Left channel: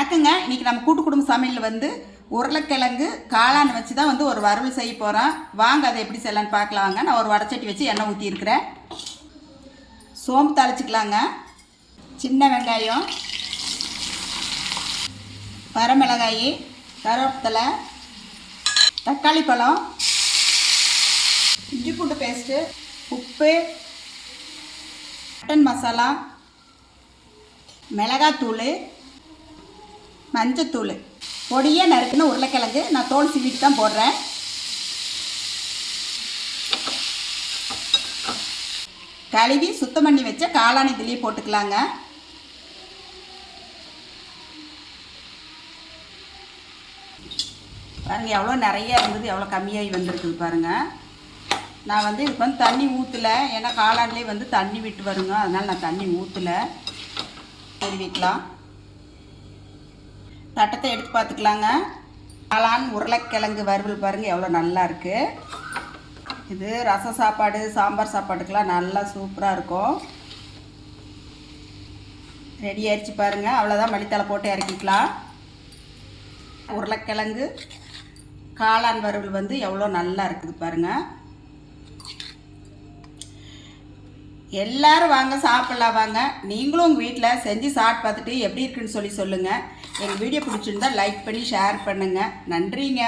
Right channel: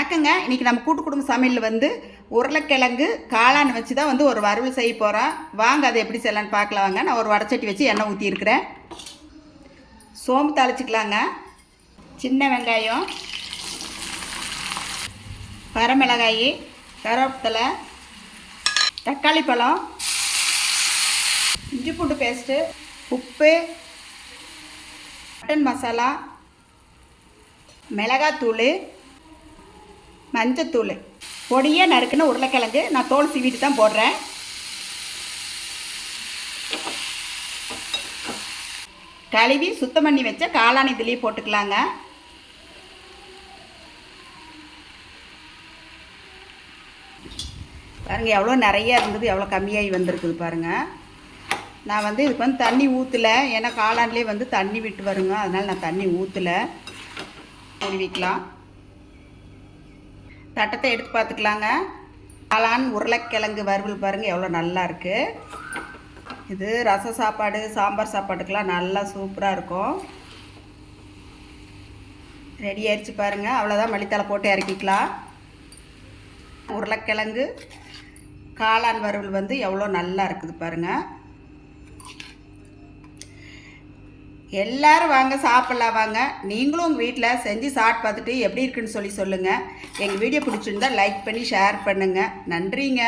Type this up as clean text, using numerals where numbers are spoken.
வணக்கங்க. இன்றைக்கி நம்ம கூட்டு குடும்ப சமையலில் வந்து உருளைக்கிழங்கு காளான் வச்சு தான் வந்து ஒரு வறுவல் செய்ய போகிறோம். வாங்க அதை எப்படி செய்யலான்னு பார்க்கலாம். வாங்க. நான் ஒரு வடச்சட்டி வச்சு எண்ணெய் ஊற்றியிருக்கிறேன். சோம்பு தாளிச்சிக்கலாங்க. சின்ன வெங்காயம், வரமிளகாய், கருவேப்பிலை, தக்காளி பழம், இஞ்சி பூண்டு பேஸ்ட்டு, உப்பு, மட்டன் மசாலா, மிளகாத்தூள், மஞ்சத்தூள், பொடியாக நறுக்குன்னு உருளைக்கிழங்கு நான் தோல் சீவிட்டு தான் போடுறேன். கழுவி சுத்தம் பண்ணி வச்ச காளான் இதுலேயே போட்டுக்கலாங்க. பாருங்கள் எவ்வளோ நிறைய இருந்தது, எவ்வளோ கம்மியாகி வந்திருக்குது பாருங்கள். நான் வந்து இதுக்கு வந்து தண்ணி ஊற்றலை, ஏன்னா காளான்லேயே வந்து தண்ணி விட்டு வருங்க, அதனால் நான் தண்ணி ஊற்றலை. மூடி வைக்கலாம். தட்டத்தை எடுத்து பார்த்துக்கலாங்க. காளான் உருளைக்கிழங்கு வறுவல் பாருங்கள் எவ்வளோ நல்லா இருக்குது. இது ரச சாப்பாடு, சாம்பார் சாப்பாட்டுக்கெலாம் நல்லா சூப்பராக இருக்கும். ரெடி ஆயிடுச்சு பாருங்கள். அவ்வளோதான், மல்லித்தலை போட்டு இறக்கிக்கலாம். உருளைக்கிழங்கு காளான் வறுவல் வந்து எவ்வளோ நல்லா இருக்குது பாருங்கள். எல்லோரும் வாங்க, சாப்பிட்லாம் வாங்க. நீங்களும் உங்கள் வீட்டில் செஞ்சு சாப்பிட்டு பார்த்துட்டு எப்படி இருக்குன்னு சொல்லுங்கள். எங்கள் வீடியோ பிடிச்சிருந்தா லைக் பண்ணி ஷேர் பண்ணுங்கள். நன்றிங்க.